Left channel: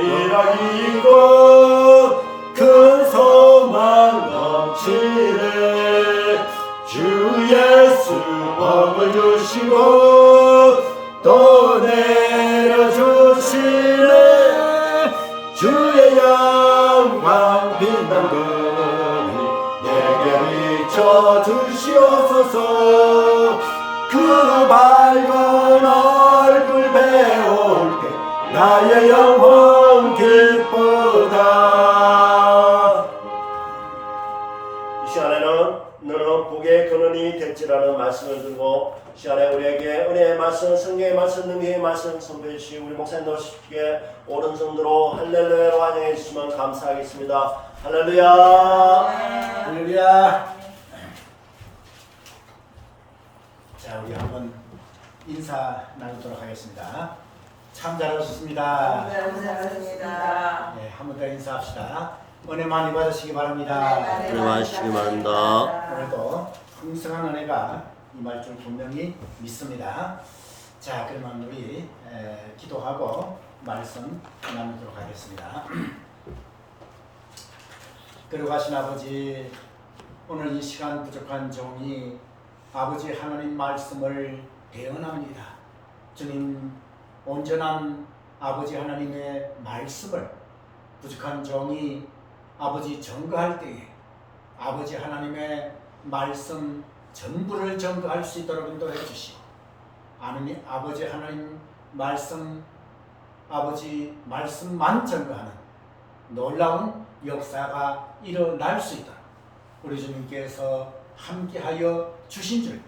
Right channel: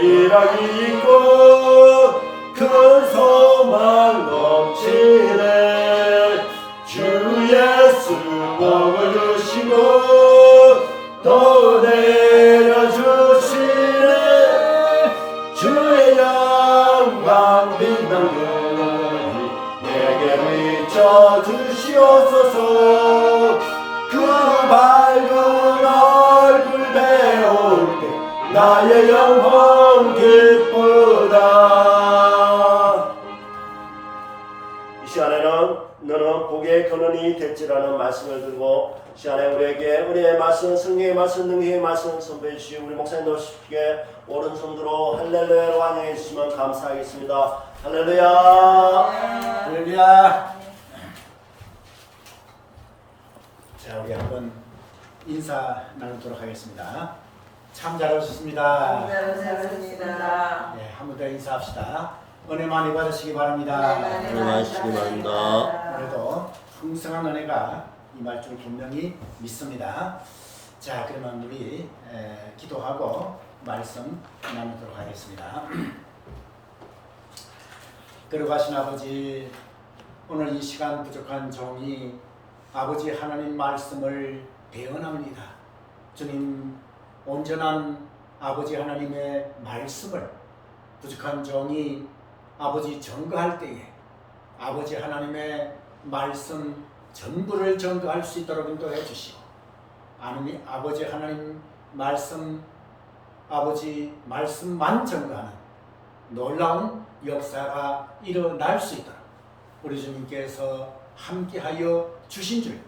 일하기 있고 큰 소망 넘치네. 주 예수 복을 주시고 또 내려주시네. 주의 영광 빛나는 내게 비춰 주시옵소서. 그 밝은 얼굴 배울 때 나의 영혼 기쁘다. 이 시간에는 너는 복의 근원이 될지라는 말씀을 들고 이 시간에 우리에게 은혜의 말씀, 성경의 말씀, 능력의 말씀 선보여 주신 우리 목사님 노십께 오른손으로 할렐루야로 환영해 주시면 감사하겠습니다. 할렐루야. 할렐루야. 자, 우리 한번 인사 나누도록 하겠습니다. 참 잘 오셨습니다. 감사합니다. 네, 한 번 더 인사합시다. 은혜 많이 받으시기 바랍니다. 은혜 많으시기 바랍니다. 오늘도 풍성한 은혜가 임할 줄 분명히 믿습니다. 자, 그러면 우리 기도하고 말씀 나누도록 하겠습니다. 거룩하신 아버지, 오늘 이 시간 부족한 종이 아버지 하나님 말씀을 대언합니다. 주님, 온전한 아버지 하나님의 말씀을 부족한 종이 아버지 증거할 때에 아버지 하나님의 말씀 전부를 증거할 수 있도록 인도해 주시고, 아버지 하나님 말씀, 아버지 말씀만 증거하는 놀라운 역사가 일어날 수 있도록 우리 주님께서 함께하여 주신 줄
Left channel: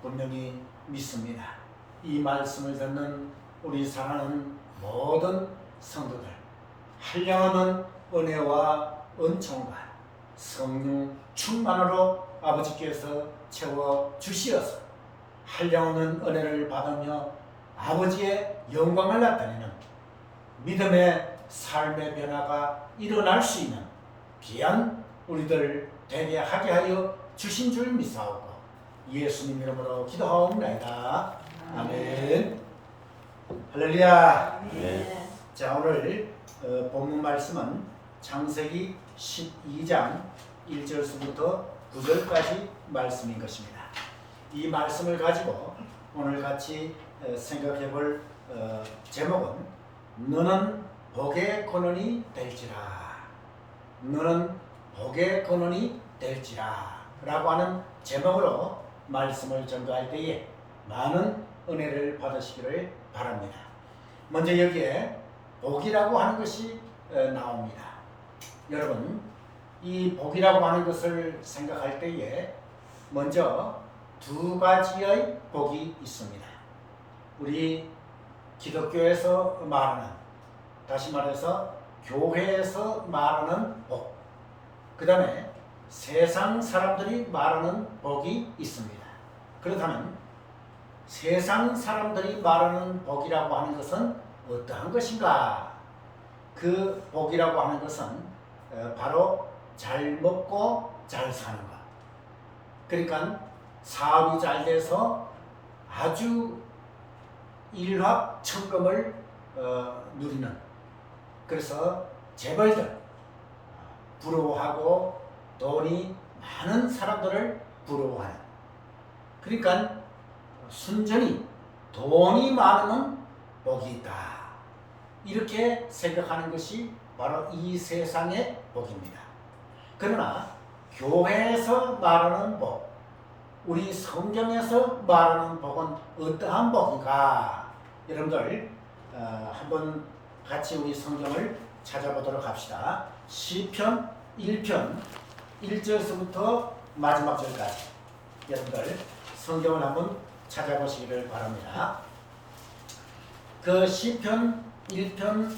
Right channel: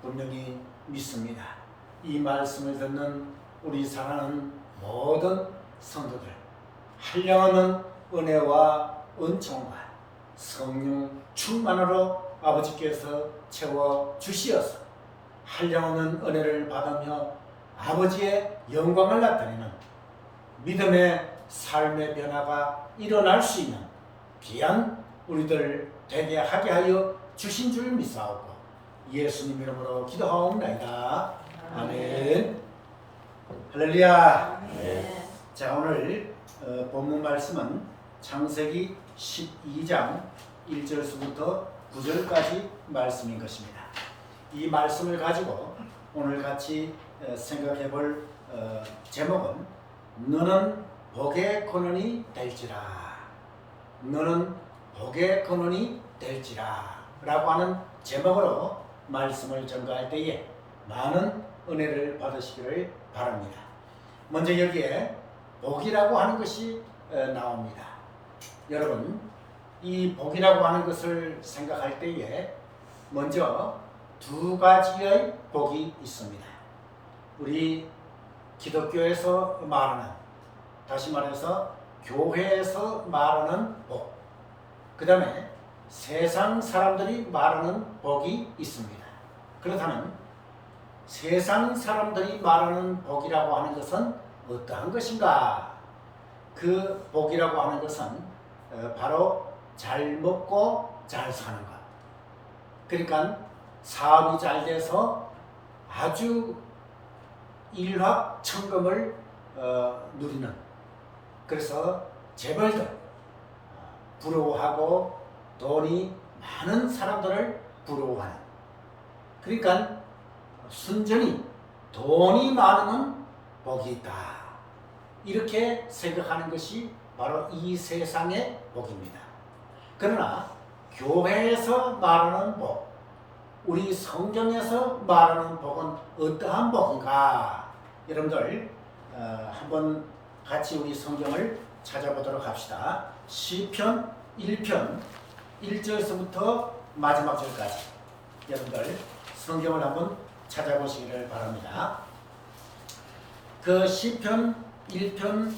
분명히 믿습니다. 이 말씀을 듣는 우리 사랑하는 모든 성도들, 한량없는 은혜와 은총과 성령 충만으로 아버지께서 채워 주시어서 한량없는 은혜를 받으며 아버지의 영광을 나타내는 믿음의 삶의 변화가 일어날 수 있는 귀한 우리들 되게 하게 하여 주신 줄 믿사오고 예수님 이름으로 기도하옵나이다. 아멘. 할렐루야. 네. 자, 오늘 본문 말씀은 창세기 12장 1절부터 9절까지 말씀인 것입니다. 이 말씀을 가지고 오늘 같이 생각해 볼 제목은 너는 복의 근원이 될지라. 너는 복의 근원이 될지라 라고 하는 제목으로 말씀을 전가할 때에 많은 은혜를 받으시기를 바랍니다. 먼저 여기에 복이라고 하는 것이 나옵니다. 여러분, 이 복이라고 하는 것을 생각할 때에 먼저 두 가지의 복이 있습니다. 우리 기독교에서 말하는, 다시 말해서 교회에서 말하는 복, 그 다음에 세상 사람들이 말하는 복이 있습니다. 그렇다면 세상 사람들이 말하는 복이라고 하는 것은 어떠한 것인가? 그 복이라고 하는 것은 바로 잘 먹고 잘 사는 것. 그러니까 사업이 잘 돼서 아주 일확천금을 누리는, 그래서 재벌들, 부러워하고 돈이 많은 사람들을 부러워하는, 그러니까 순전히 돈이 많으면 복이 있다, 이렇게 생각하는 것이 바로 이 세상의 복입니다. 그러나 교회에서 말하는 복, 우리 성경에서 말하는 복은 어떠한 복인가? 여러분들 한번 같이 우리 성경을 찾아보도록 합시다. 시편 1편 1절부터 마지막 절까지 여러분들 성경을 한번 찾아보시기를 바랍니다. 그 시편 1편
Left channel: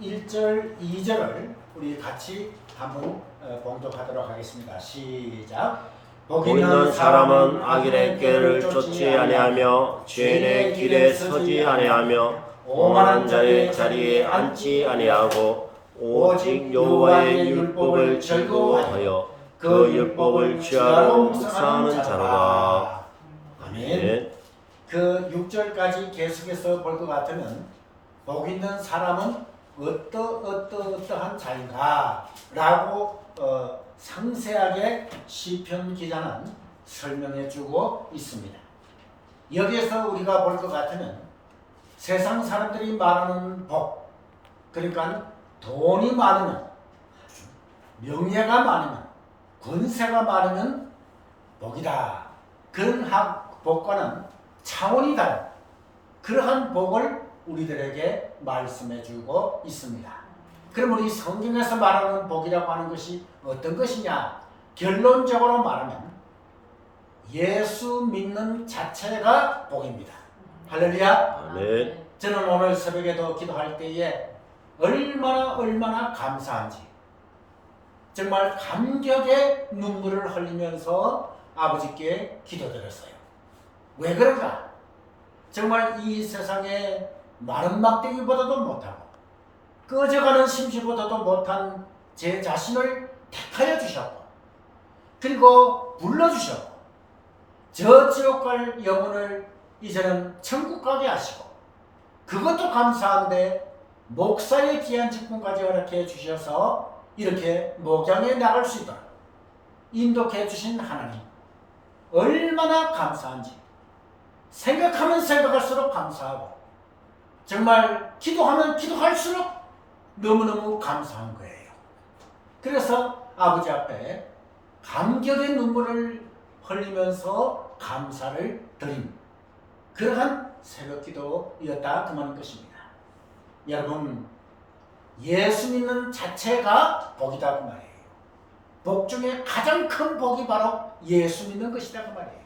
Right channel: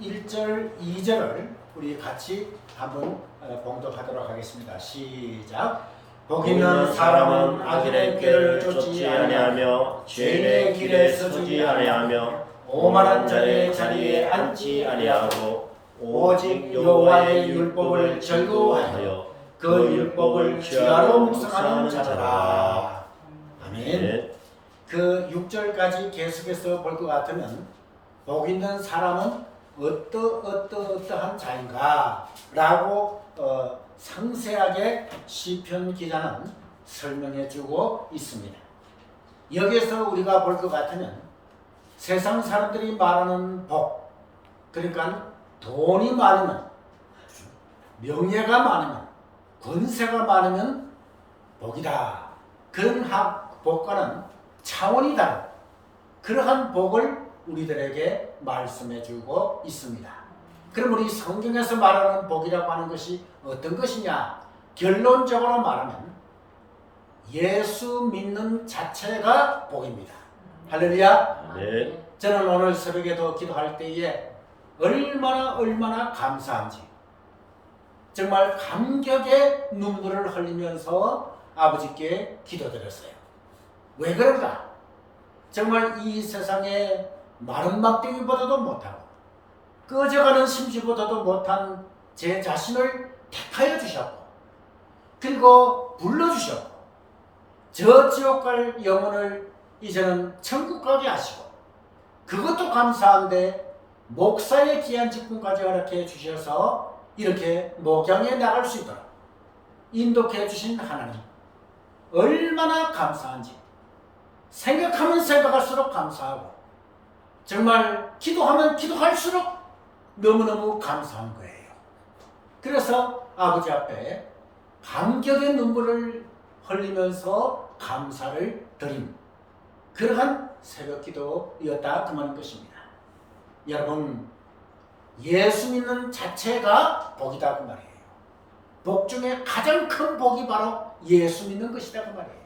1절 2절을 우리 같이 한번 봉독하도록 하겠습니다. 시작. 복 있는 사람은 악인의 길을 쫓지 아니하며 죄인의 길에 서지 아니하며 오만한 자의 자리에 앉지 아니하고 오직 여호와의 율법을 즐거워하여 그 율법을 취하러 묵상하는 자라. 아멘. 그 6절까지 계속해서 볼 것 같으면 복 있는 사람은 어떠한 자인가 라고 상세하게 시편 기자는 설명해 주고 있습니다. 여기에서 우리가 볼 것 같으면 세상 사람들이 말하는 복, 그러니까 돈이 많으면, 명예가 많으면, 권세가 많으면 복이다. 그런 복과는 차원이 다른 그러한 복을 우리들에게 말씀해 주고 있습니다. 그럼 우리 성경에서 말하는 복이라고 하는 것이 어떤 것이냐? 결론적으로 말하면 예수 믿는 자체가 복입니다. 할렐루야. 네. 저는 오늘 새벽에도 기도할 때에 얼마나 감사한지 정말 감격의 눈물을 흘리면서 아버지께 기도드렸어요. 왜 그런가? 정말 이 세상에 마른 막대기보다도 못하고 꺼져가는 심지보다도 못한 제 자신을 택하여 주셨고, 그리고 불러주셨고, 저 지옥 갈 영혼을 이제는 천국 가게 하시고, 그것도 감사한데 목사의 귀한 직분까지 허락해 주셔서 이렇게 목양에 나갈 수 있도록 인도해 주신 하나님, 얼마나 감사한지 생각하면 생각할수록 감사하고, 정말 기도하면 기도할수록 너무너무 감사한 거예요. 그래서 아버지 앞에 감격의 눈물을 흘리면서 감사를 드린 그러한 새벽 기도였다 그 말인 것입니다. 여러분, 예수 믿는 자체가 복이다 그 말이에요. 복 중에 가장 큰 복이 바로 예수 믿는 것이다 그 말이에요.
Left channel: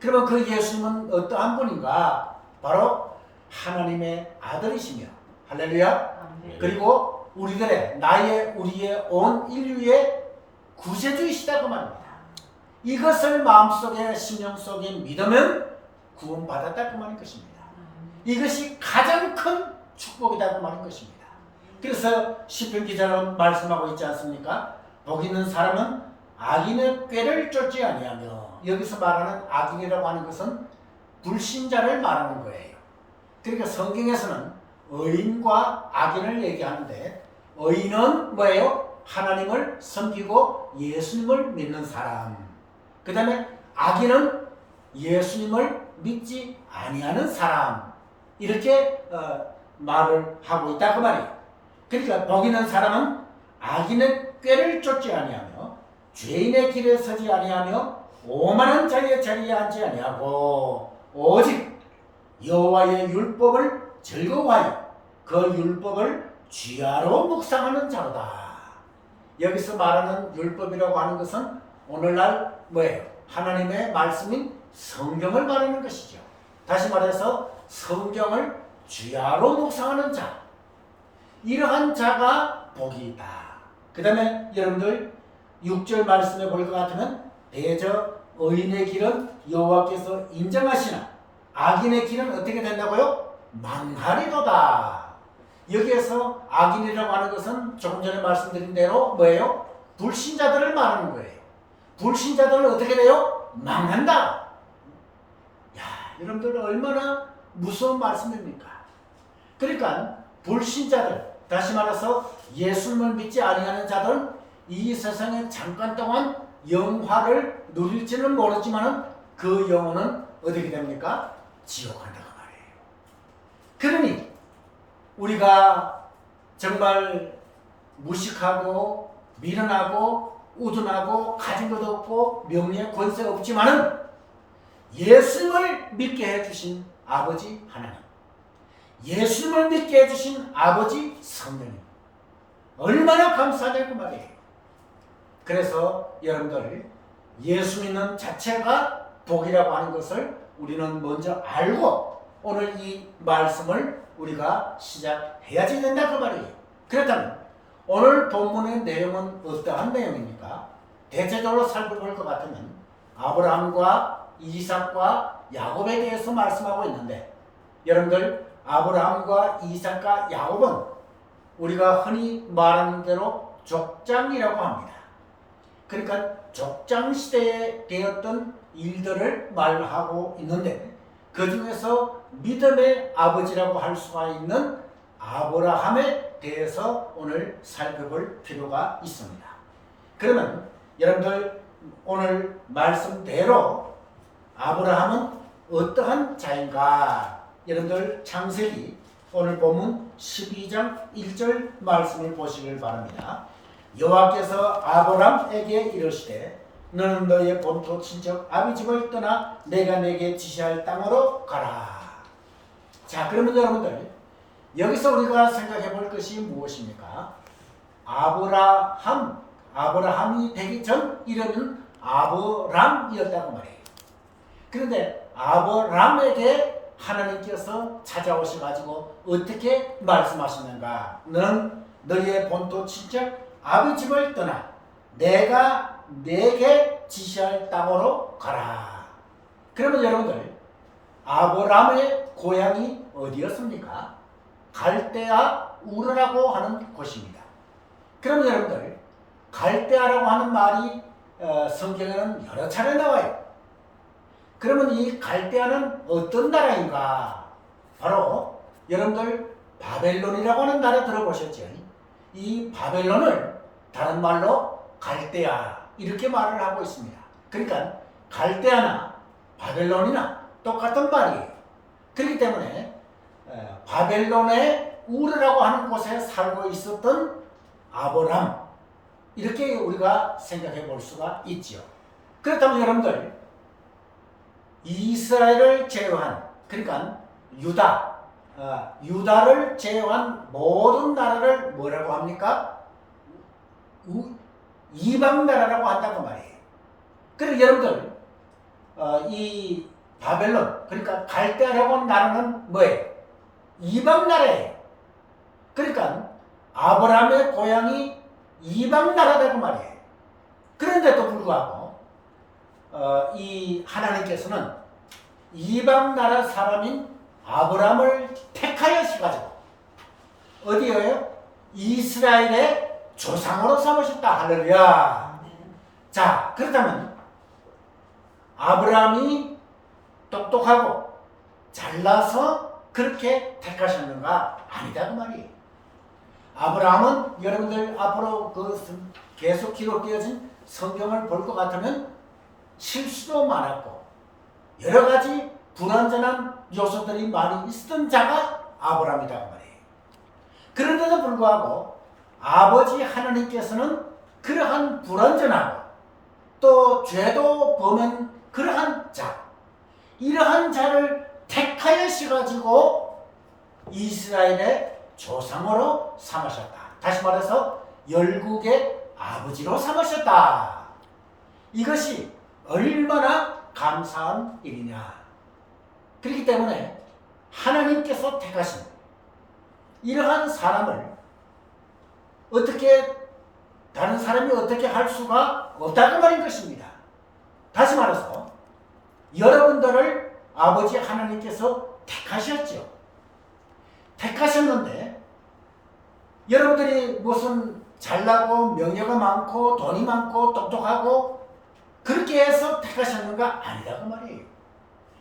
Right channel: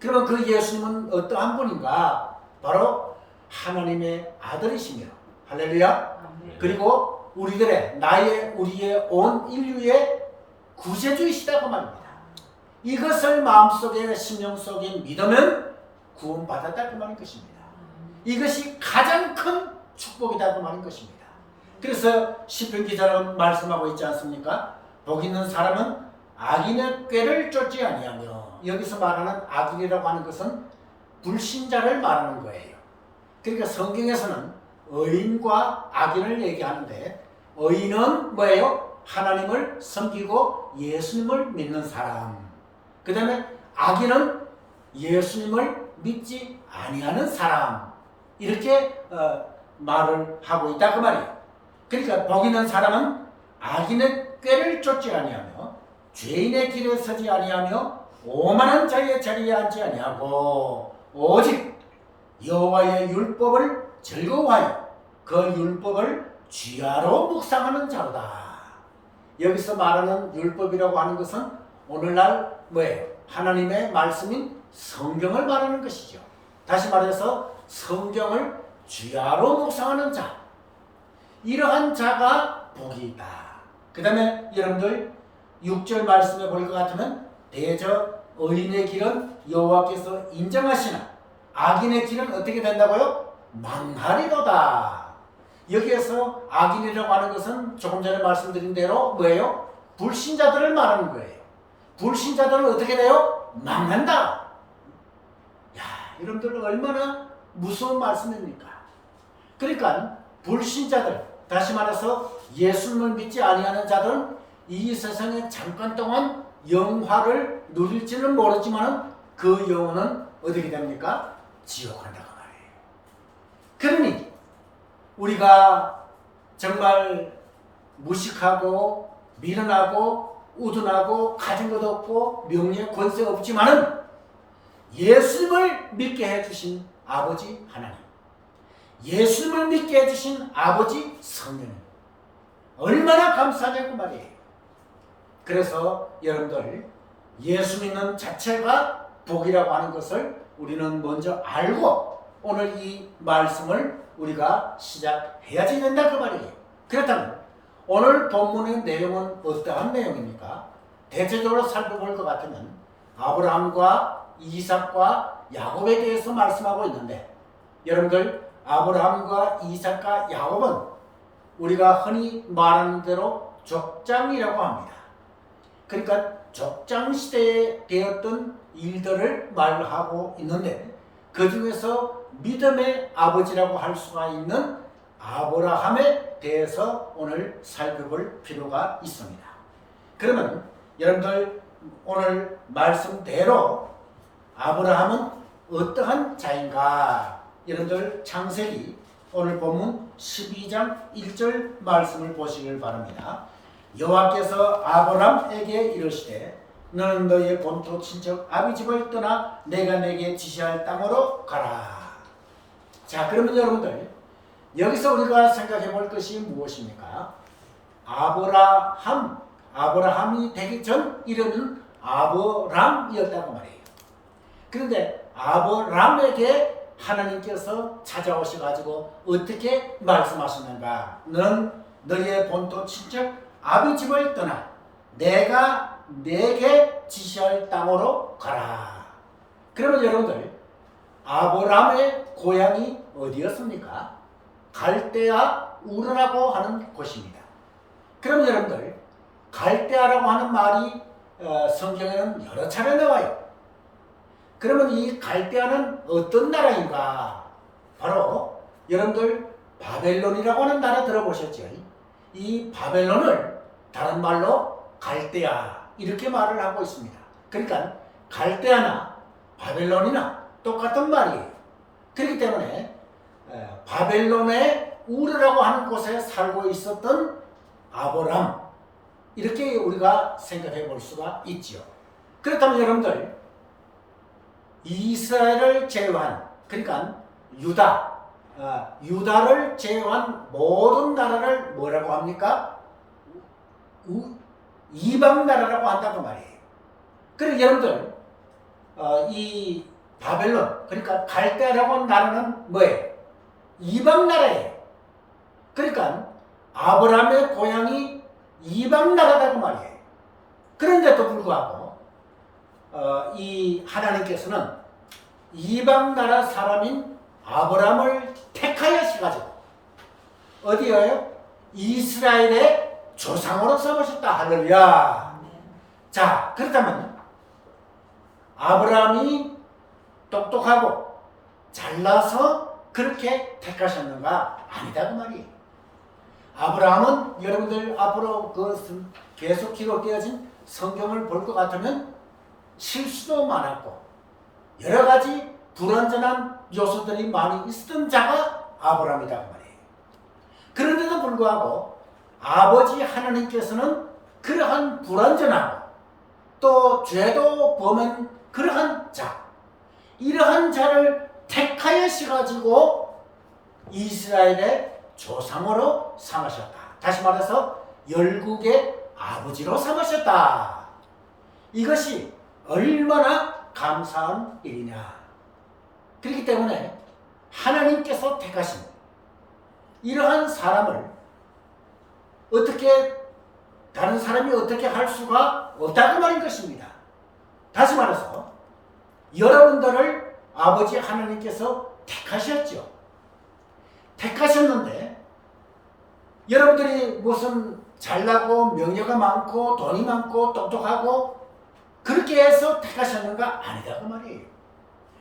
그러면 그 예수님은 어떠한 분인가? 바로 하나님의 아들이시며, 할렐루야. 그리고 우리의 온 인류의 구세주이시다 그 말입니다. 이것을 마음속에 심령 속에 믿으면 구원받았다 그 말인 것입니다. 이것이 가장 큰 축복이다 그 말인 것입니다. 그래서 시편 기자는 말씀하고 있지 않습니까? 복 있는 사람은 악인의 꾀를 쫓지 아니하며, 여기서 말하는 악인이라고 하는 것은 불신자를 말하는 거예요. 그러니까 성경에서는 의인과 악인을 얘기하는데, 의인은 뭐예요? 하나님을 섬기고 예수님을 믿는 사람. 그 다음에 악인은 예수님을 믿지 아니하는 사람. 이렇게 말을 하고 있다 그 말이에요. 그러니까 복 있는 사람은 악인의 꾀를 쫓지 아니하며, 죄인의 길에 서지 아니하며, 오만한 자의 자리에 앉지 아니하고, 오직 여호와의 율법을 즐거워하여 그 율법을 주야로 묵상하는 자로다. 여기서 말하는 율법이라고 하는 것은 오늘날 뭐예요? 하나님의 말씀인 성경을 말하는 것이죠. 다시 말해서 성경을 주야로 묵상하는 자, 이러한 자가 복이 있다. 그 다음에 여러분들 6절 말씀에 볼 것 같으면, 대저 의인의 길은 여호와께서 인정하시나 악인의 길은 어떻게 된다고요? 망하리로다. 여기에서 악인이라고 하는 것은 조금 전에 말씀드린 대로 뭐예요? 불신자들을 말하는 거예요. 불신자들은 어떻게 돼요? 망한다. 야, 여러분들 얼마나 무서운 말씀입니까? 그러니까 불신자들, 다시 말해서 예수님을 믿지 아니하는 자들은 이 세상에 잠깐 동안 영화를 누릴지는 모르지만 그 영혼은 어떻게 됩니까? 지옥 간다고 말이에요. 그러니 우리가 정말 무식하고 미련하고 우둔하고 가진 것 없고 명예 권세 없지만은 예수님을 믿게 해주신 아버지 하나님, 예수님을 믿게 해주신 아버지 성령님, 얼마나 감사하냐고 말이에요. 그래서 여러분들 예수 믿는 자체가 복이라고 하는 것을 우리는 먼저 알고 오늘 이 말씀을 우리가 시작해야지 된다 그 말이에요. 그렇다면 오늘 본문의 내용은 어떠한 내용입니까? 대체적으로 살펴볼 것 같으면 아브라함과 이삭과 야곱에 대해서 말씀하고 있는데, 여러분들 아브라함과 이삭과 야곱은 우리가 흔히 말하는 대로 족장이라고 합니다. 그러니까 족장 시대에 되었던 일들을 말하고 있는데, 그 중에서 믿음의 아버지라고 할 수가 있는 아브라함에 대해서 오늘 살펴볼 필요가 있습니다. 그러면 여러분들 오늘 말씀대로 아브라함은 어떠한 자인가? 여러분들 창세기 오늘 본문 12장 1절 말씀을 보시길 바랍니다. 여호와께서 아브라함에게 이르시되 너는 너의 본토 친척 아비 집을 떠나 내가 내게 지시할 땅으로 가라. 자, 그러면 여러분들 여기서 우리가 생각해 볼 것이 무엇입니까? 아브라함이 되기 전 이름은 아브람이었다고 말해요. 그런데 아브람에게 하나님께서 찾아오셔가지고 어떻게 말씀하시는가? 너는 너의 본토 친척 아비 집을 떠나 내가 내게 지시할 땅으로 가라. 그러면 여러분들 아브람의 고향이 어디였습니까? 갈대아 우르라고 하는 곳입니다. 그러면 여러분들 갈대아라고 하는 말이 성경에는 여러 차례 나와요. 그러면 이 갈대아는 어떤 나라인가? 바로 여러분들 바벨론이라고 하는 나라 들어보셨죠? 이 바벨론을 다른 말로 갈대아 이렇게 말을 하고 있습니다. 그러니까 갈대아나 바벨론이나 똑같은 말이에요. 그렇기 때문에 바벨론의 우르라고 하는 곳에 살고 있었던 아브람 이렇게 우리가 생각해 볼 수가 있죠. 그렇다면 여러분들 이스라엘을 제외한 그러니까 유다를 제외한 모든 나라를 뭐라고 합니까? 이방 나라라고 한다고 말이에요. 그래서 여러분들 이 바벨론 그러니까 갈대아라고 하는 나라는 뭐예요? 이방 나라예요. 그러니까 아브라함의 고향이 이방 나라라고 말이에요. 그런데도 불구하고 이 하나님께서는 이방 나라 사람인 아브라함을 택하여셔가지고 어디에요? 이스라엘의 조상으로 삼으셨다. 할렐루야. 자, 그렇다면 아브라함이 똑똑하고 잘나서 그렇게 택하셨는가? 아니다 그 말이에요. 아브라함은 여러분들 앞으로 그 계속 기록되어진 성경을 볼 것 같으면 실수도 많았고 여러 가지 불완전한 요소들이 많이 있었던 자가 아브라함이다 그 말이에요. 그런데도 불구하고 아버지 하나님께서는 그러한 불완전하고 또 죄도 범한 그러한 자 이러한 자를 택하여셔가지고 이스라엘의 조상으로 삼으셨다. 다시 말해서 열국의 아버지로 삼으셨다. 이것이 얼마나 감사한 일이냐. 그렇기 때문에 하나님께서 택하신 이러한 사람을 어떻게 다른 사람이 어떻게 할 수가 없다고 말인 것입니다. 다시 말해서 여러분들을 아버지 하나님께서 택하셨죠. 택하셨는데 여러분들이 무슨 잘나고 명예가 많고 돈이 많고 똑똑하고 그렇게 해서 택하셨는가? 아니다 그 말이에요.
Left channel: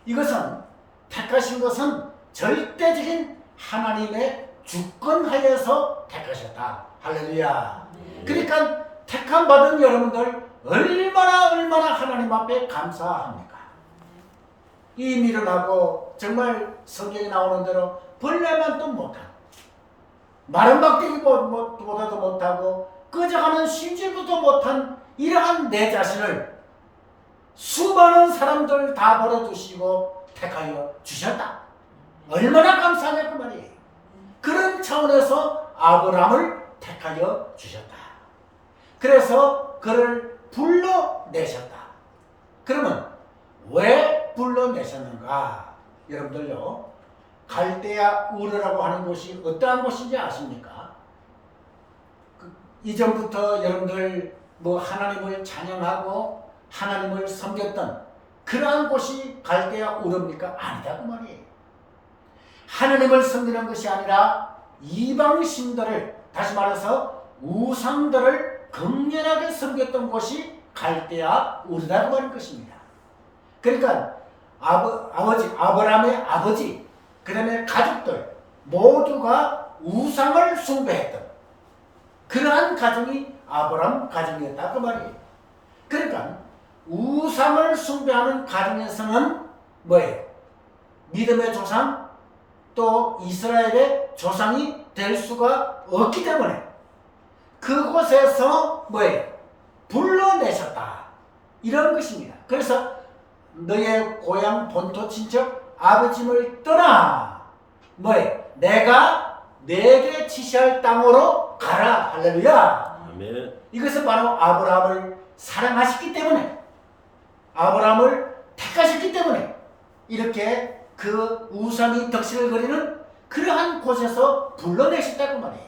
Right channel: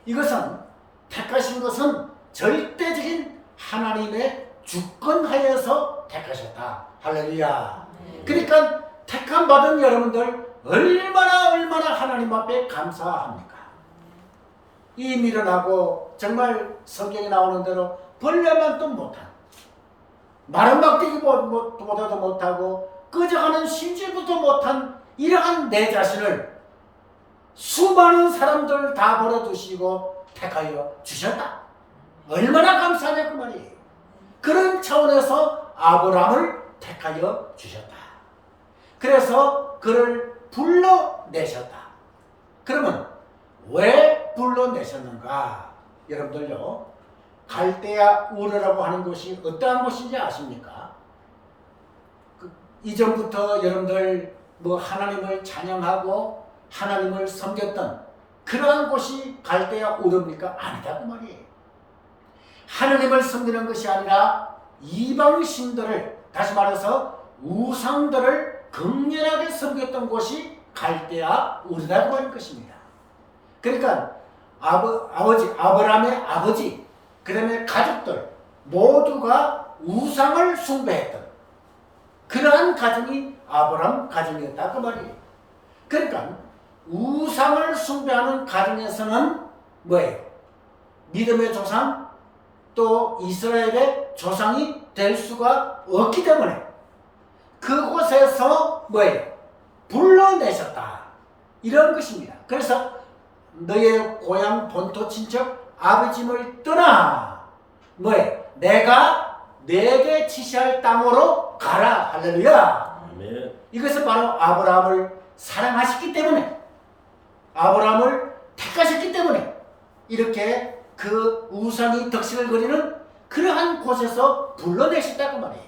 이것은 택하신 것은 절대적인 하나님의 주권하에서 택하셨다. 할렐루야. 그러니까 택함 받은 여러분들 얼마나 하나님 앞에 감사합니까? 이 미련하고 정말 성경에 나오는 대로 벌레만도 못한 마른 막대기보다도 못하고 꺼져가는 심지부도 못한 이러한 내 자신을 수많은 사람들 다 버려두시고 택하여 주셨다. 얼마나 감사하냐 그 말이에요. 그런 차원에서 아브라함을 택하여 주셨다. 그래서 그를 불러내셨다. 그러면 왜 불러내셨는가? 여러분들요, 갈대아 우르라고 하는 곳이 어떠한 곳인지 아십니까? 이전부터 여러분들 하나님을 찬양하고 하나님을 섬겼던 그러한 곳이 갈대아 우르입니까? 아니다 그 말이에요. 하나님을 섬기는 것이 아니라 이방신들을, 다시 말해서 우상들을 극렬하게 섬겼던 곳이 갈대아 우르라고 말인 것입니다. 그러니까 아버지 아브라함의 아버지, 그 다음에 가족들 모두가 우상을 숭배했던 그러한 가정이 아브라함 가정이었다 그 말이에요. 그러니까 우상을 숭배하는 가정에서는 뭐예요? 믿음의 조상 또 이스라엘의 조상이 될 수가 없기 때문에 그곳에서 뭐예요? 불러내셨다 이런 것입니다. 그래서 너의 고향 본토 친척 아버지를 떠나 뭐예요? 내가 내게 지시할 땅으로 가라. 할렐루야. 아멘. 이것은 바로 아브라함을 사랑하셨기 때문에 아브라함을 택하셨기 때문에 이렇게 그 우상이 덕식을 거리는 그러한 곳에서 불러내셨다고 말이에요.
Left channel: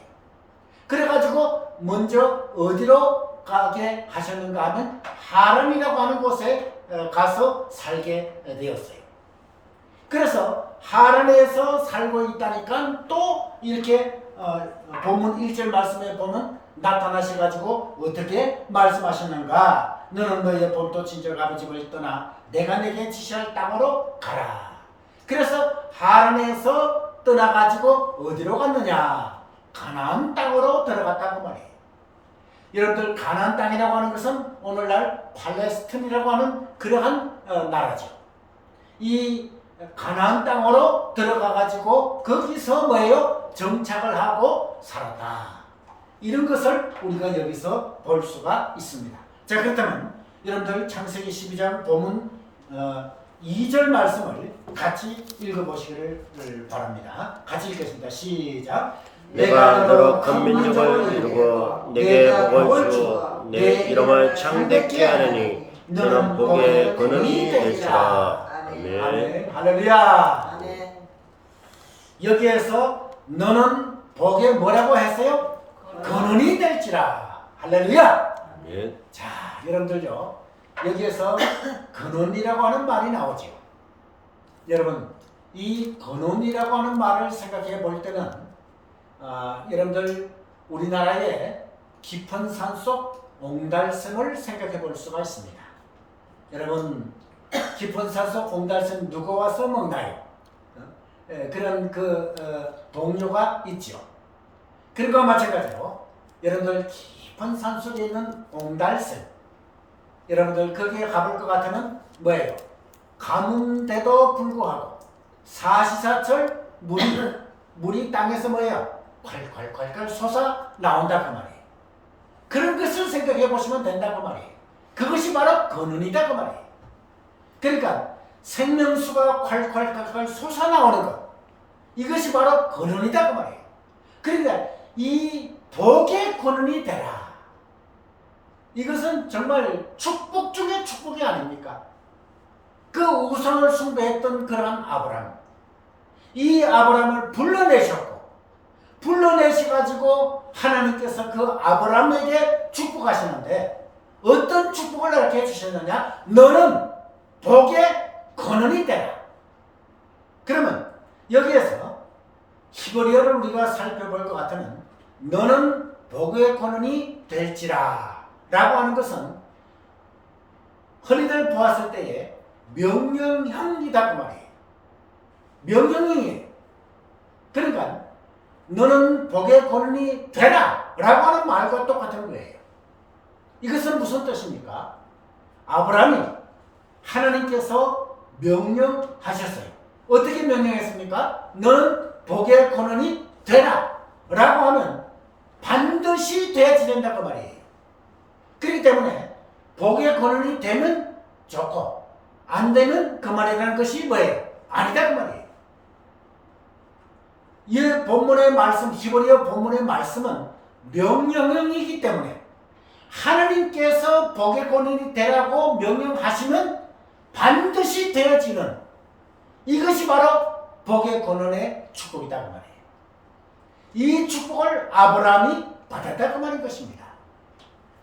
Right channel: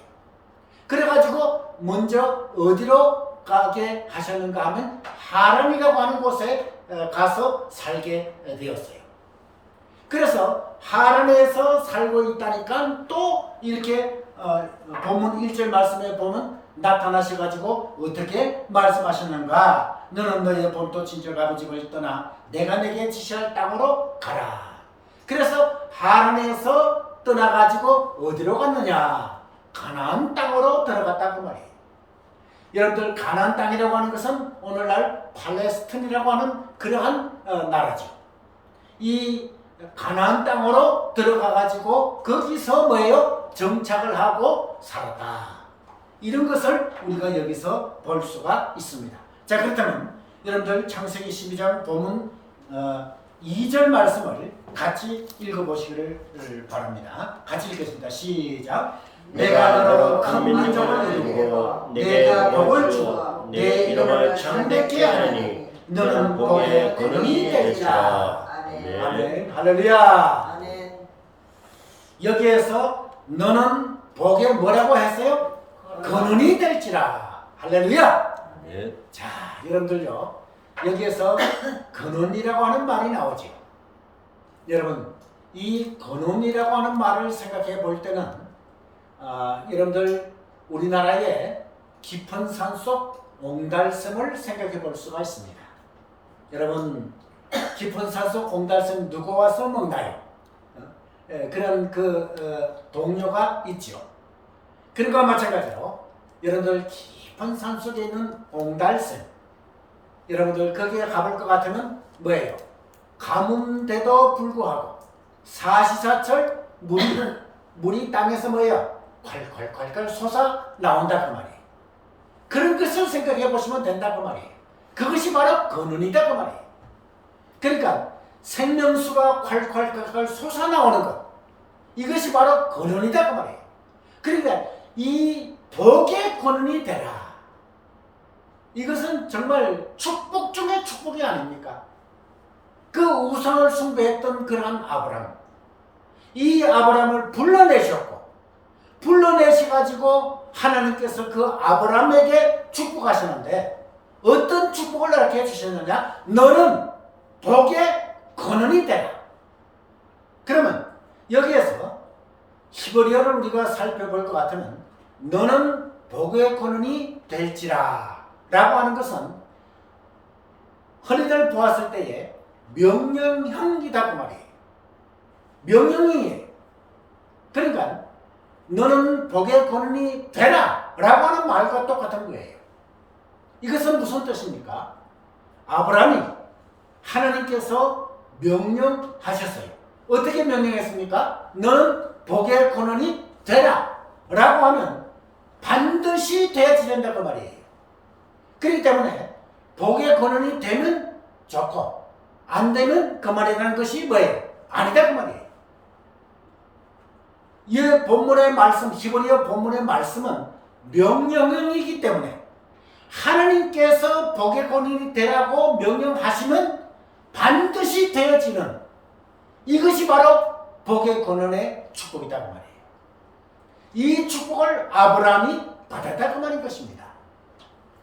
그래가지고 먼저 어디로 가게 하셨는가 하면 하란이라고 하는 곳에 가서 살게 되었어요. 그래서 하란에서 살고 있다니까 또 이렇게 본문 1절 말씀에 보면 나타나셔가지고 어떻게 말씀하셨는가? 너는 너의 본토 친척 아버지를 떠나 내가 내게 지시할 땅으로 가라. 그래서 하란에서 떠나가지고 어디로 갔느냐? 가나안 땅으로 들어갔다고 말이에요. 여러분들 가나안 땅이라고 하는 것은 오늘날 팔레스틴이라고 하는 그러한 나라죠. 이 가나안 땅으로 들어가가지고 거기서 뭐예요? 정착을 하고 살았다. 이런 것을 우리가 여기서 볼 수가 있습니다. 자, 그렇다면 여러분들 창세기 12장 본문 2절 말씀을 같이 읽어보시기를 바랍니다. 같이 읽겠습니다. 시작. 내가 너로 큰 민족을 이루고 내게 복을 주어 내 이름을 창대케 하느니 너는 복의 근원이 될지라. 아멘. 아멘. 할렐루야. 아멘. 여기에서 너는 복의 뭐라고 했어요? 근원이 될지라. 할렐루야. 아멘. 자, 여러분들요. 여기에서 근원이라고 하는 말이 나오죠. 여러분, 이 근원이라고 하는 말을 생각해 볼 때는 여러분들 우리나라의 깊은 산속 옹달샘을 생각해 볼 수가 있습니다. 여러분, 깊은 산속 옹달샘 누가 와서 먹나요? 그런 동료가 있죠. 그런 것과 마찬가지로 여러분들 깊은 산속에 있는 옹달샘, 여러분들 거기에 가볼 것 같으면 뭐예요? 가뭄돼도 불구하고 사시사철 물이 땅에서 뭐예요? 콸콸콸콸 솟아 나온다고 말이에요. 그런 것을 생각해 보시면 된다고 말이에요. 그것이 바로 근원이다 그 말이에요. 그러니까 생명수가 콸콸콸콸 솟아 나오는 것, 이것이 바로 근원이다 그 말이에요. 그러니까 이 복의 근원이 되라. 이것은 정말 축복 중에 축복이 아닙니까? 그 우상을 숭배했던 그러한 아브라함, 이 아브라함을 불러내셔가지고 하나님께서 그 아브라함에게 축복하시는데 어떤 축복을 이렇게 해주셨느냐? 너는 복의 근원이 되라. 그러면 여기에서 히브리어를 우리가 살펴볼 것 같으면 너는 복의 근원이 될지라 라고 하는 것은 흔히들 보았을 때에 명령형이다 그 말이에요. 명령형이에요. 그러니까 너는 복의 근원이 되라 라고 하는 말과 똑같은 거예요. 이것은 무슨 뜻입니까? 아브라함이 하나님께서 명령하셨어요. 어떻게 명령했습니까? 너는 복의 근원이 되라 라고 하면 반드시 돼야지 된다 그 말이에요. 그렇기 때문에 복의 근원이 되면 좋고 안 되면 그만이라는 것이 뭐예요? 아니다 그 말이에요. 이 본문의 말씀, 히브리어 본문의 말씀은 명령형이기 때문에 하나님께서 복의 근원이 되라고 명령하시면 반드시 되어지는 이것이 바로 복의 근원의 축복이다 그 말이에요. 이 축복을 아브라함이 받았다 그 말인 것입니다.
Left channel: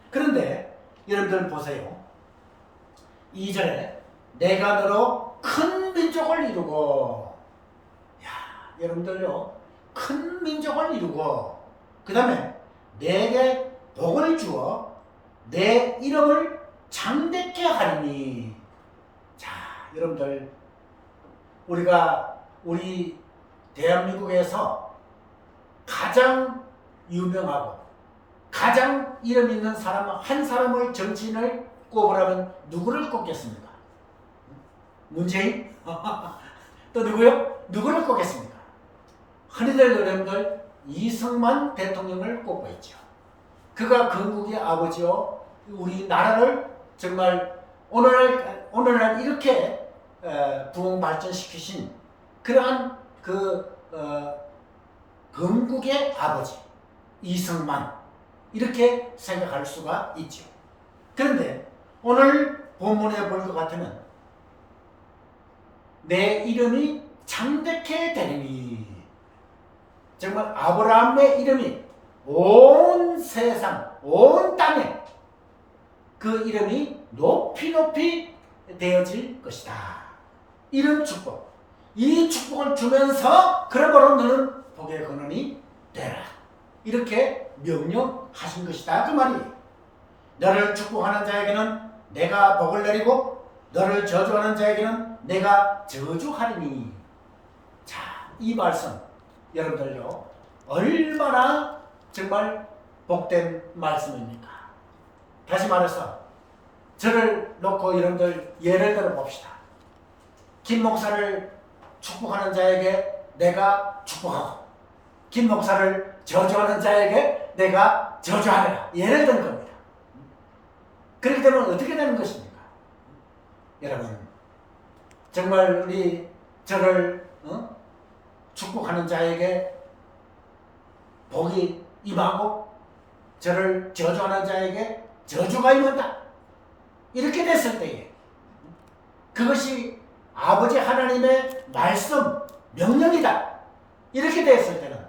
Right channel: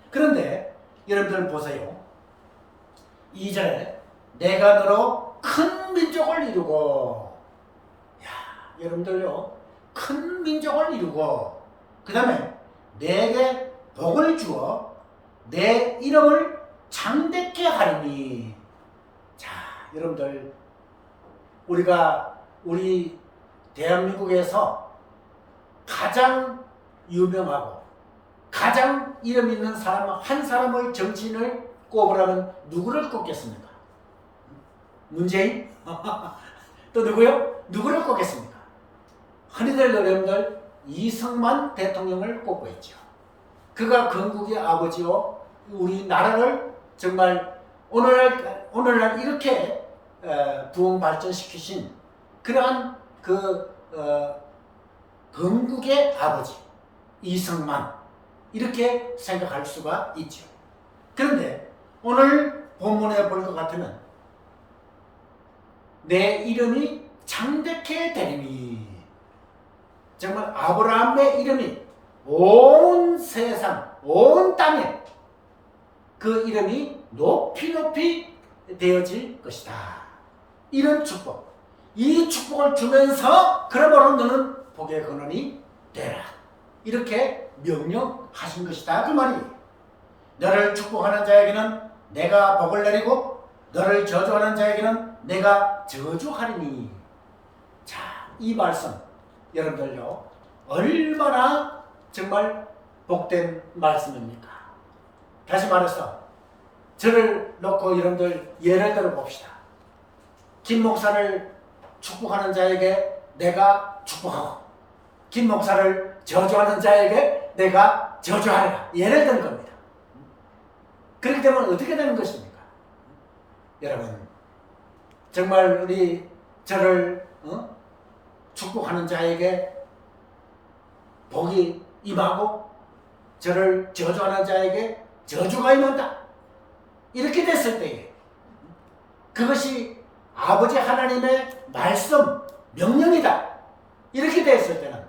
그런데 여러분들 보세요. 2절에 내가 너로 큰 민족을 이루고, 야, 여러분들요, 큰 민족을 이루고 그 다음에 내게 복을 주어 내 이름을 창대케 하리니. 자, 여러분들 우리 대한민국에서 가장 유명하고 가장 이름 있는 사람 한 사람을 정치인을 꼽으라면 누구를 꼽겠습니까? 문재인? 또 누구요? 누구를 꼽겠습니까? 흔히들 여러분들 이승만 대통령을 꼽고 있죠. 그가 건국의 아버지요, 우리 나라를 정말 오늘날 이렇게 부흥 발전시키신 그러한 건국의 아버지 이승만, 이렇게 생각할 수가 있죠. 그런데 오늘 본문에 볼 것 같으면 내 이름이 창대케 되리니, 정말 아브라함의 이름이 온 세상 온 땅에 그 이름이 높이 높이 되어질 것이다. 이런 축복, 이 축복을 주면서 그러므로 너는 복의 근원이 되라, 이렇게 명령하신 것이다 그 말이에요. 너를 축복하는 자에게는 내가 복을 내리고 너를 저주하는 자에게는 내가 저주하리니. 자, 이 말씀 여러분들요, 얼마나 정말 복된 말씀입니까? 다시 말해서 저를 놓고 여러분들 예를 들어 봅시다. 김 목사를 축복하는 자에게 내가 축복하고 김 목사를 저주하는 자에게 내가 저주하리라, 예를 든 겁니다. 그렇게 되면 어떻게 되는 것입니까? 여러분, 정말 우리 저를 축복하는 자에게 복이 임하고 저를 저주하는 자에게 저주가 임한다, 이렇게 됐을 때에 그것이 아버지 하나님의 말씀, 명령이다, 이렇게 됐을 때는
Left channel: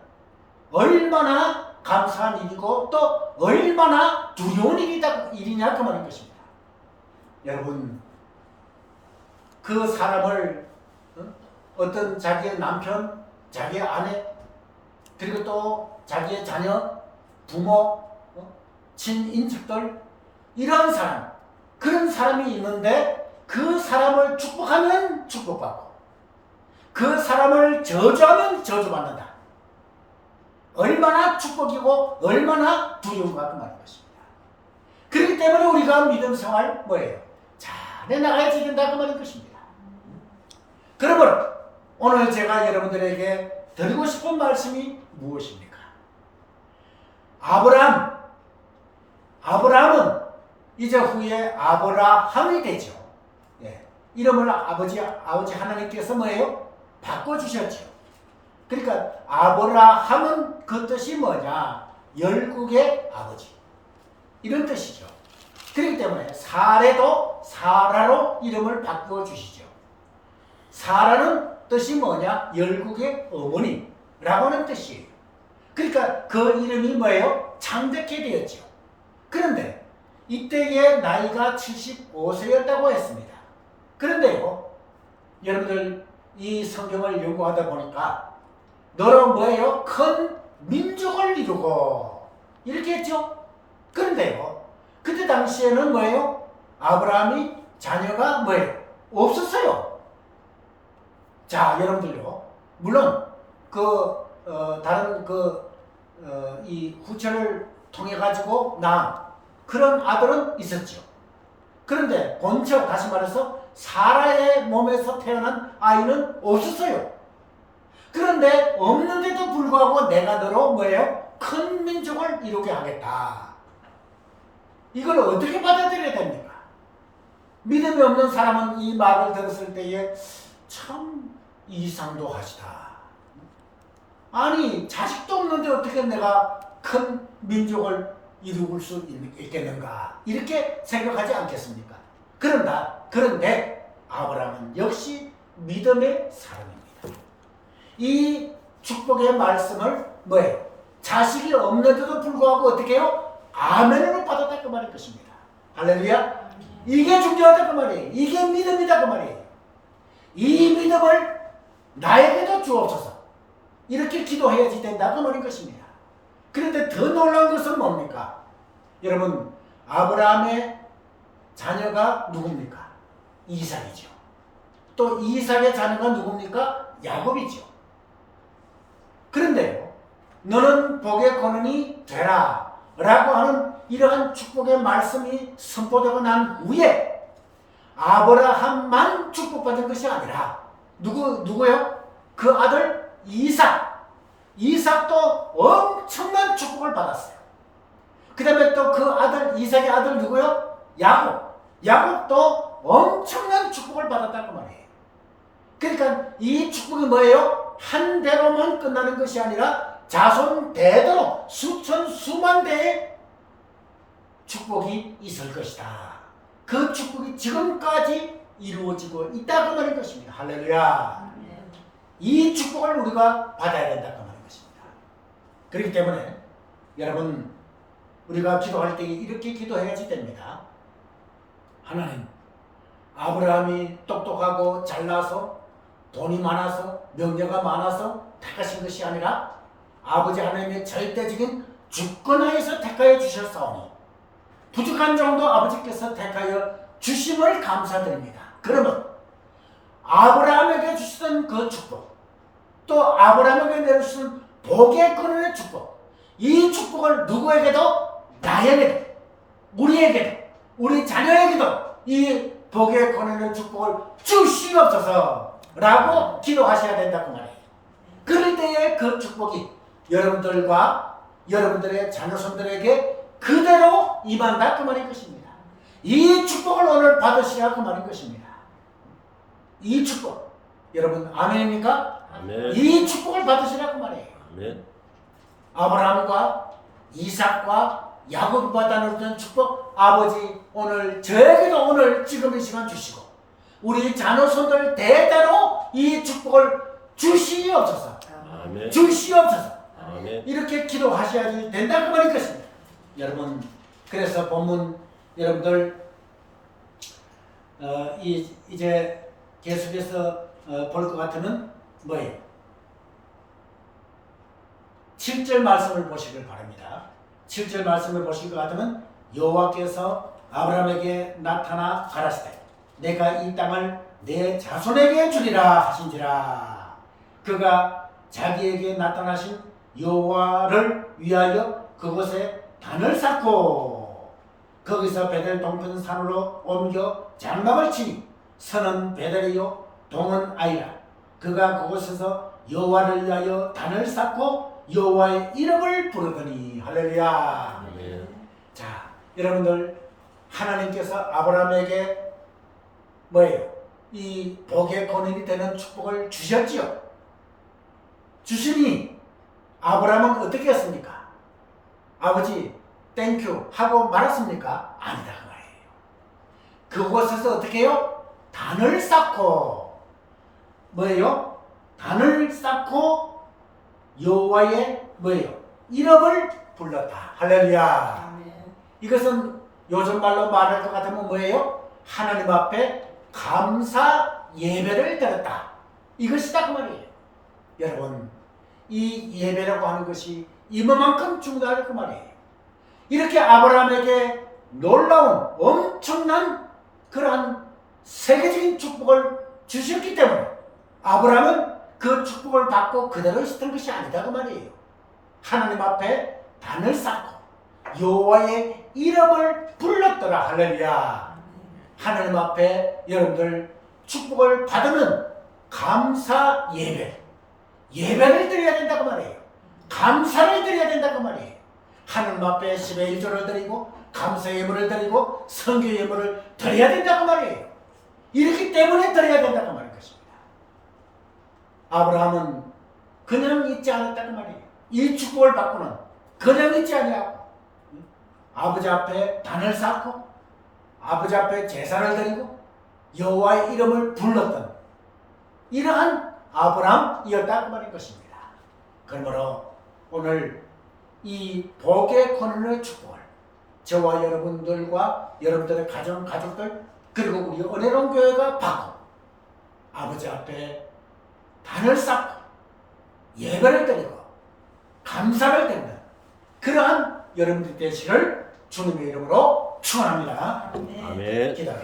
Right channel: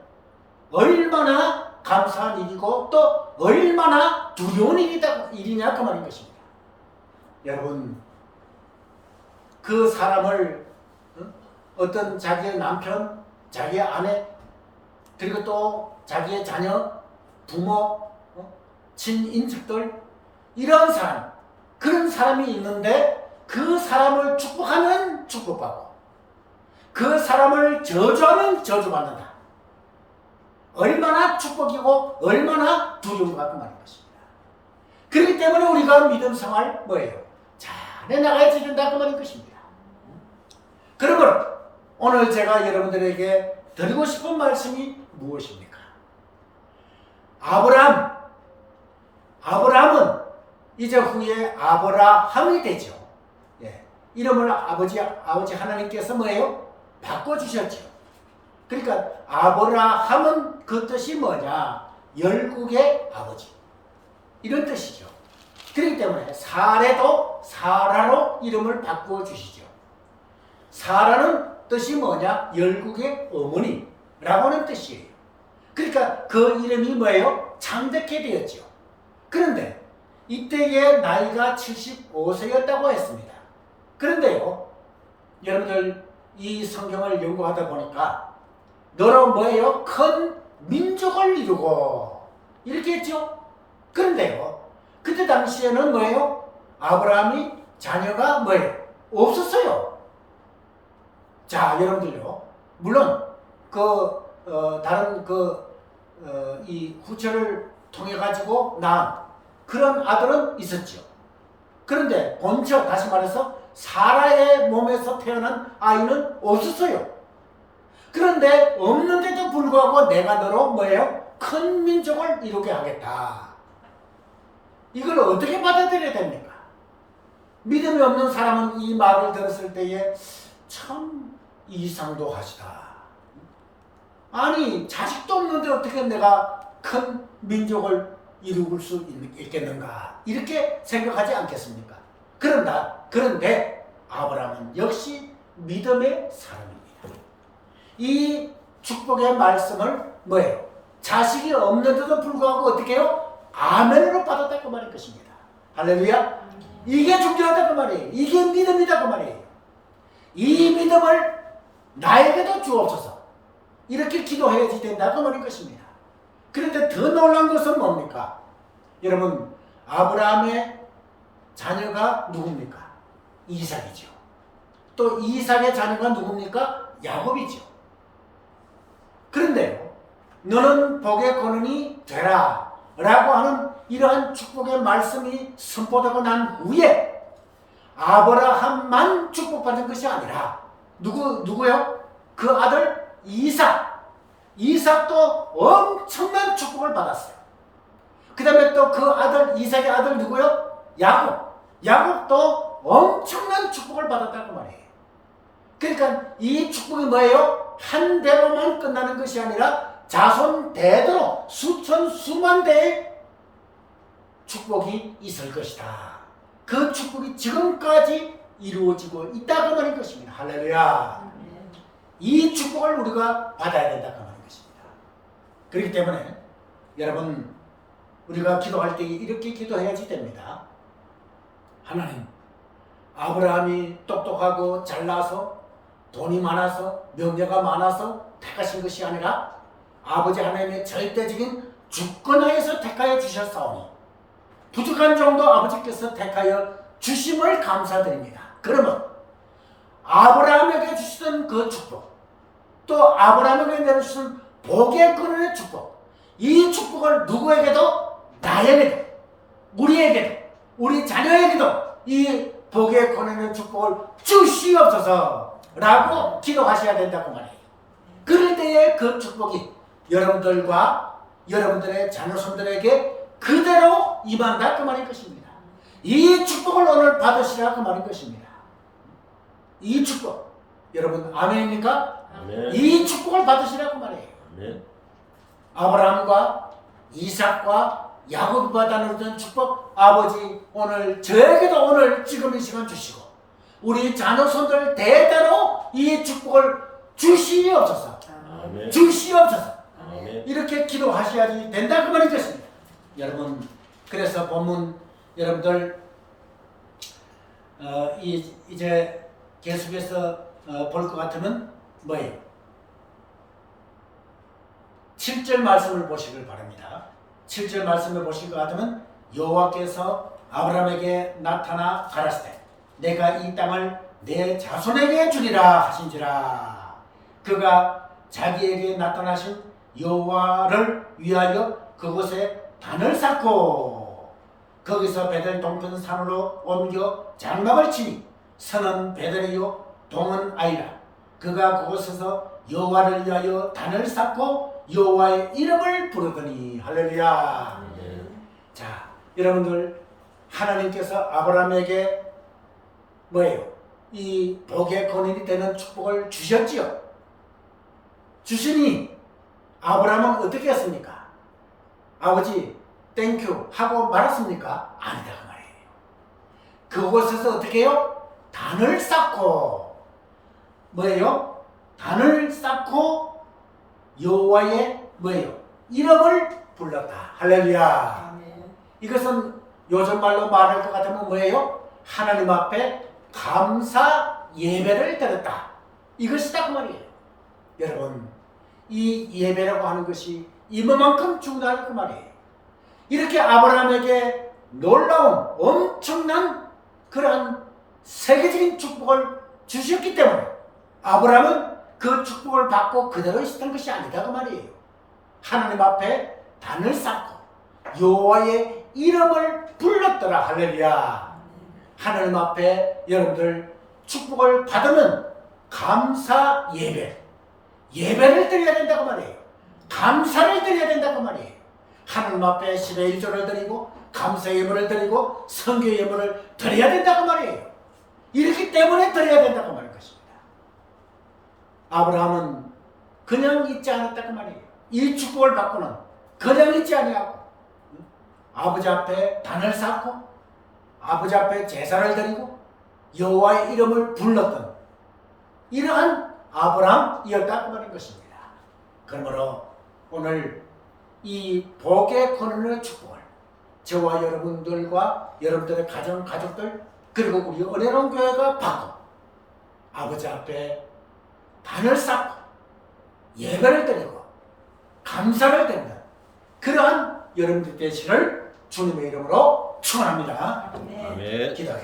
얼마나 감사한 일이고 또 얼마나 두려운 일이냐 그 말인 것입니다. 여러분, 그 사람을 어떤 자기의 남편, 자기의 아내, 그리고 또 자기의 자녀, 부모, 친인척들, 이런 사람, 그런 사람이 있는데 그 사람을 축복하면 축복받고 그 사람을 저주하면 저주받는다. 얼마나 축복이고 얼마나 두려운가 그 말인 것입니다. 그렇기 때문에 우리가 믿음 생활 뭐예요? 잘해 나가야지 된다 그 말인 것입니다. 그러므로 오늘 제가 여러분들에게 드리고 싶은 말씀이 무엇입니까? 아브라함은 이제 후에 아브라함이 되죠. 예. 이름을 아버지 하나님께서 뭐예요? 바꿔주셨죠. 그러니까 아브라함은 그 뜻이 뭐냐? 열국의 아버지, 이런 뜻이죠. 그렇기 때문에 사례도 사라로 이름을 바꿔주시죠. 사라는 뜻이 뭐냐? 열국의 어머니라고 하는 뜻이에요. 그러니까 그 이름이 뭐예요? 창대케 되었죠. 그런데 이때의 나이가 75세였다고 했습니다. 그런데요, 여러분들 이 성경을 연구하다 보니까 너로 뭐예요? 큰 민족을 이루고 이렇게 했죠. 그런데요, 그때 당시에는 뭐예요? 아브라함이 자녀가 뭐예요? 없었어요. 자, 여러분들요, 물론 다른 이 후처를 통해 가지고 낳은 그런 아들은 있었죠. 그런데 본처, 다시 말해서 사라의 몸에서 태어난 아이는 없었어요. 그런데 없는데도 불구하고 내가 너로 뭐예요? 큰 민족을 이루게 하겠다. 이걸 어떻게 받아들여야 됩니까? 믿음이 없는 사람은 이 말을 들었을 때에 참 이상도 하시다. 아니, 자식도 없는데 어떻게 내가 큰 민족을 이룰 수 있겠는가, 이렇게 생각하지 않겠습니까? 그런데 아브라함은 역시 믿음의 사람입니다. 이 축복의 말씀을 뭐예요? 자식이 없는데도 불구하고 어떻게 해요? 아멘으로 받았다 그 말일 것입니다. 할렐루야. 이게 중요하다 그 말이에요. 이게 믿음이다 그 말이에요. 이 믿음을 나에게도 주옵소서, 이렇게 기도해야지 된다 그 말인 것입니다. 그런데 더 놀라운 것은 뭡니까? 여러분, 아브라함의 자녀가 누굽니까? 이삭이죠. 또 이삭의 자녀가 누굽니까? 야곱이죠. 그런데요, 너는 복의 근원이 되라 라고 하는 이러한 축복의 말씀이 선포되고 난 후에 아브라함만 축복받은 것이 아니라 누구요? 그 아들 이삭도 엄청난 축복을 받았어요. 그 다음에 또 그 아들 이삭의 아들 누구요? 야곱도 엄청난 축복을 받았다고 말이에요. 그러니까 이 축복이 뭐예요? 한 대로만 끝나는 것이 아니라 자손 대대로 수천 수만 대의 축복이 있을 것이다. 그 축복이 지금까지 이루어지고 있다고 말인 것입니다. 할렐루야. 이 축복을 우리가 받아야 된다고 말인 것입니다. 그렇기 때문에 여러분 우리가 기도할 때 이렇게 기도해야지 됩니다. 하나님, 아브라함이 똑똑하고 잘나서 돈이 많아서 명예가 많아서 택하신 것이 아니라 아버지 하나님의 절대적인 주권하에서 택하여 주셨사오니 부족한 정도 아버지께서 택하여 주심을 감사드립니다. 그러면 아브라함에게 주시던 그 축복, 또 아브라함에게 내려주신 복의 근원의 축복, 이 축복을 누구에게도, 나에게도, 우리에게도, 우리 자녀에게도 이 복의 권한의 축복을 주시옵소서 라고 기도하셔야 된다고 말이에요. 그럴 때에 그 축복이 여러분들과 여러분들의 자녀손들에게 그대로 임한다 그 말인 것입니다. 이 축복을 오늘 받으시라 그 말인 것입니다. 이 축복, 여러분 아멘입니까? 아멘. 이 축복을 받으시라 그 말이에요. 아멘. 아브라함과 이삭과 야곱이 받아들였던 축복, 아버지 오늘 저에게도 오늘 지금 이 시간 주시고 우리 자녀손들 대대로 이 축복을 주시옵소서. 아멘. 주시옵소서. 아멘. 이렇게 기도하셔야지 된다 그 말인 것입니다. 여러분, 그래서 본문 여러분들 이제 계속해서 볼 것 같으면 뭐예요? 7절 말씀을 보시길 바랍니다. 7절 말씀을 보실 것 같으면 여호와께서 아브라함에게 나타나 가라사대 내가 이 땅을 내 자손에게 주리라 하신지라. 그가 자기에게 나타나신 여호와를 위하여 그곳에 단을 쌓고 거기서 베델 동편 산으로 옮겨 장막을 치니 서는 베델이요 동은 아이라. 그가 그곳에서 여호와를 위하여 단을 쌓고 여호와의 이름을 부르더니. 할렐루야. 아멘. 자, 여러분들 하나님께서 아브라함에게 뭐예요? 이 복의 근원이 되는 축복을 주셨지요. 주시니 아브라함은 어떻게 했습니까? 아버지 땡큐 하고 말았습니까? 아니다 그 말이에요. 그곳에서 어떻게 해요? 단을 쌓고 뭐예요? 단을 쌓고 여호와의 뭐예요? 이름을 불렀다. 할렐루야. 이것은 요즘 말로 말할 것 같으면 뭐예요? 하나님 앞에 감사 예배를 드렸다. 이것이다 그 말이에요. 여러분, 이 예배라고 하는 것이 이만큼 중요하다 그 말이에요. 이렇게 아브라함에게 놀라운 엄청난 그러한 세계적인 축복을 주셨기 때문에 아브라함은 그 축복을 받고 그대로 있었던 것이 아니다 그 말이에요. 하나님 앞에 단을 쌓고 여호와의 이름을 불렀더라. 할렐루야. 하나님 앞에 여러분들 축복을 받으면 감사 예배를 드려야 된다고 말이에요. 감사를 드려야 된다고 말이에요. 하나님 앞에 10의 1조를 드리고 감사 예물을 드리고 성교 예물을 드려야 된다고 말이에요. 이렇기 때문에 드려야 된다고 말인 것입니다. 아브라함은 그냥 있지 않았다고 말이에요. 이 축복을 받고는 그냥 있지 아니하고 아버지 앞에 단을 쌓고 아버지 앞에 제사를 드리고 여호와의 이름을 불렀던 이러한 아브라함이었다고 말인 것입니다. 그러므로 오늘 이 복의 권한의 축복을 저와 여러분들과 여러분들의 가족들 그리고 우리 은혜로운 교회가 받고 아버지 앞에 단을 쌓고 예배를 드리고 감사를 드리는 그러한 여러분들 되시기를 주님의 이름으로 축원합니다. 아멘. 기도하겠습니다.